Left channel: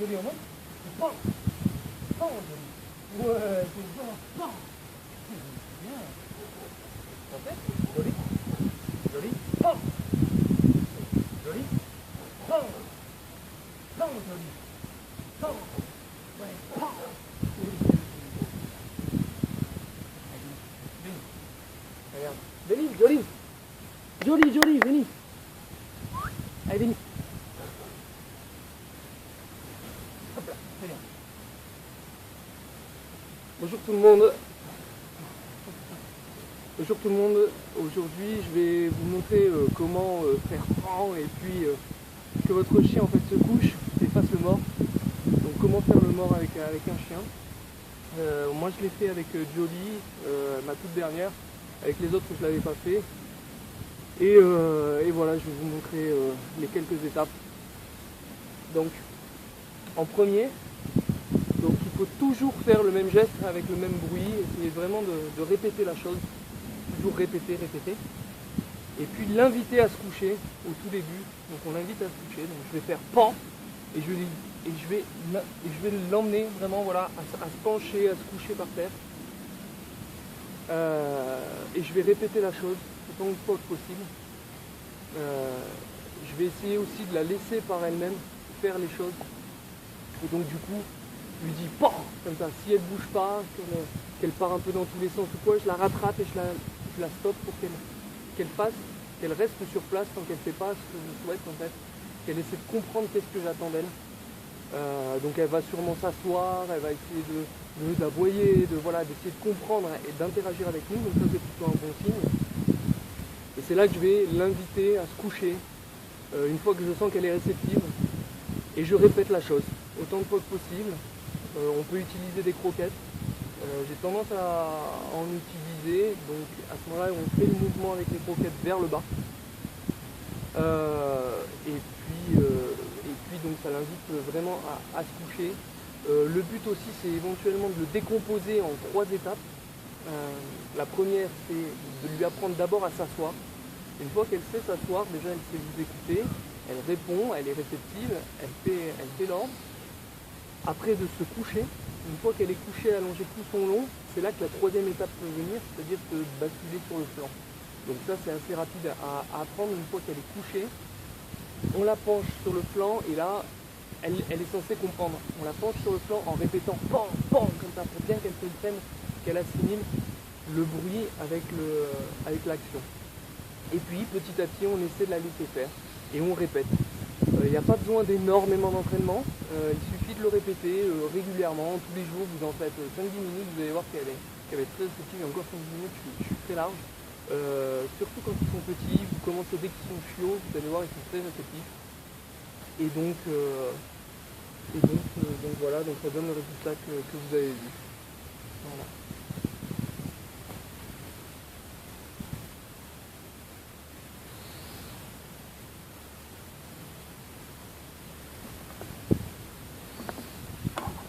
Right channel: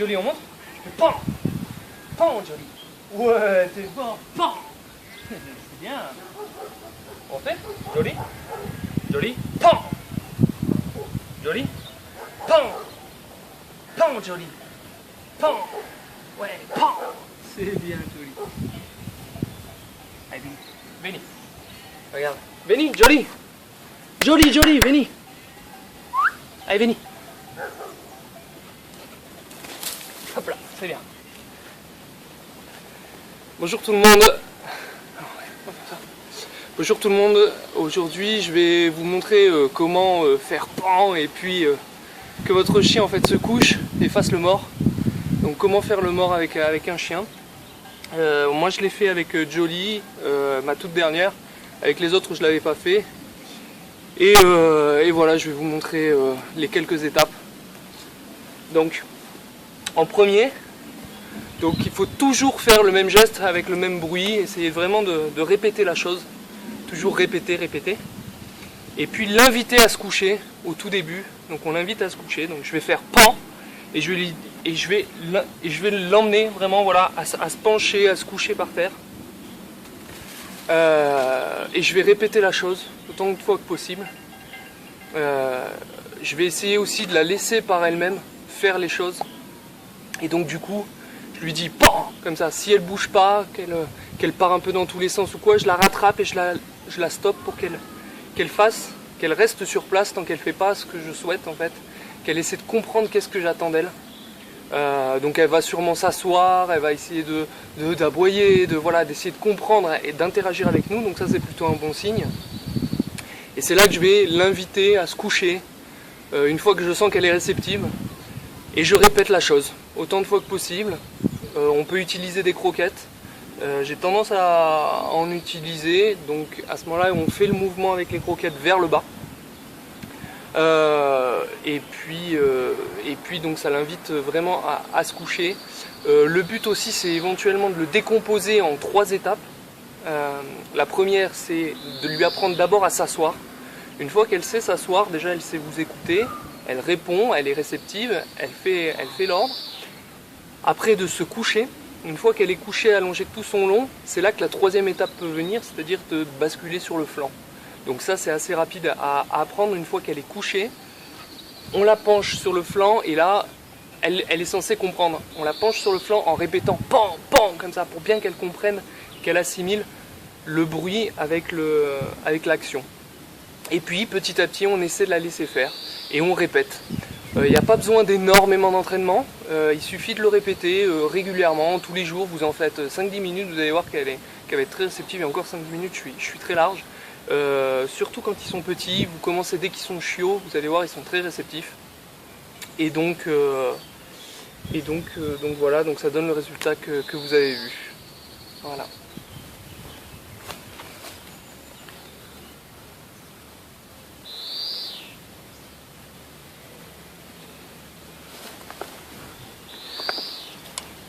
Jolie, on monte. Pan. Pan, Jolie. Ouais, c'est bon. Pan. C'est bien. On fait. Jolie. Jolie. Pan. Jolie. Pan. Pan, Jolie. Pan. Ouais, pan. C'est bien, Jolie. Allez, Benny. Regarde. Benny, Jolie. Jolie, Jolie, Benny. Allez, Benny. Hop là, c'est bien. Bonjour tout le monde. Bonjour tout le monde. Aujourd'hui, je vais vous montrer comment faire pan et puis que votre chien en fait se couche et fasse le mort. Donc comment faire le mort avec un chien. Moi je l'ai fait avec Jolie, ma toute dernière. Avec les autres je l'avais pas fait. Et voilà, je vais vous montrer les quelques étapes. Donc en premier, donc il faut toujours faire le même geste avec le même bruit. Essayez vraiment de répéter la chose. Toujours répéter, répéter. Et puis l'inviter à se coucher au tout début. Donc on l'invite à se coucher. Donc je vais faire pan et je vais l'emmener vraiment voilà, à se pencher, à se coucher par terre. Et je vais répéter la chose autant de fois que possible. Je vais essayer aussi de la laisser par elle-même faire les choses. Et donc du coup, je lui dis pan comme ça. Si elle bouge pas, qu'elle part un peu dans tous les sens ou quoi, je la rattrape et je la stoppe pour qu'elle reste sur place tant qu'elle fait pas ce que je souhaite en fait. Qu'elle essaie de comprendre qu'est-ce que j'attends d'elle. Donc elle va sûrement s'asseoir, elle va essayer d'aboyer, d'essayer de comprendre et d'interagir avec nous. Donc ça c'est plutôt un bon signe. Et c'est là que je vais l'inviter à se coucher une fois que je sens qu'elle est réceptive. Et je répète la chose autant de fois que possible. On peut utiliser des croquettes. J'ai tendance à en utiliser. Donc à ce moment-là, on fait le mouvement avec les croquettes vers le bas. Et puis donc ça l'invite vraiment à se coucher. Le but aussi, c'est éventuellement de le décomposer en 3 étapes. La première, c'est de lui apprendre d'abord à s'asseoir. Une fois qu'elle sait s'asseoir, déjà elle sait vous écouter, elle répond, elle est réceptive, elle fait l'ordre. Après de se coucher, une fois qu'elle est couchée, allongée de tout son long, c'est là que la 3e étape peut venir, c'est-à-dire de basculer sur le flanc. Donc ça c'est assez rapide à apprendre. Une fois qu'elle est couchée, on la penche sur le flanc et là, elle est censée comprendre. On la penche sur le flanc en répétant pan, pan, comme ça, pour bien qu'elle comprenne, qu'elle assimile le bruit avec l'action. Et puis petit à petit on essaie de la laisser faire et on répète. Il n'y a pas besoin d'énormément d'entraînement, il suffit de le répéter régulièrement, tous les jours. Vous en faites 5-10 minutes, vous allez voir qu'elle va être très réceptive. Et encore 5-10 minutes, je suis très large. Surtout quand ils sont petits, vous commencez dès qu'ils sont chiots, vous allez voir, ils sont très réceptifs. Et donc voilà, donc ça donne le résultat que vous avez vu. Voilà.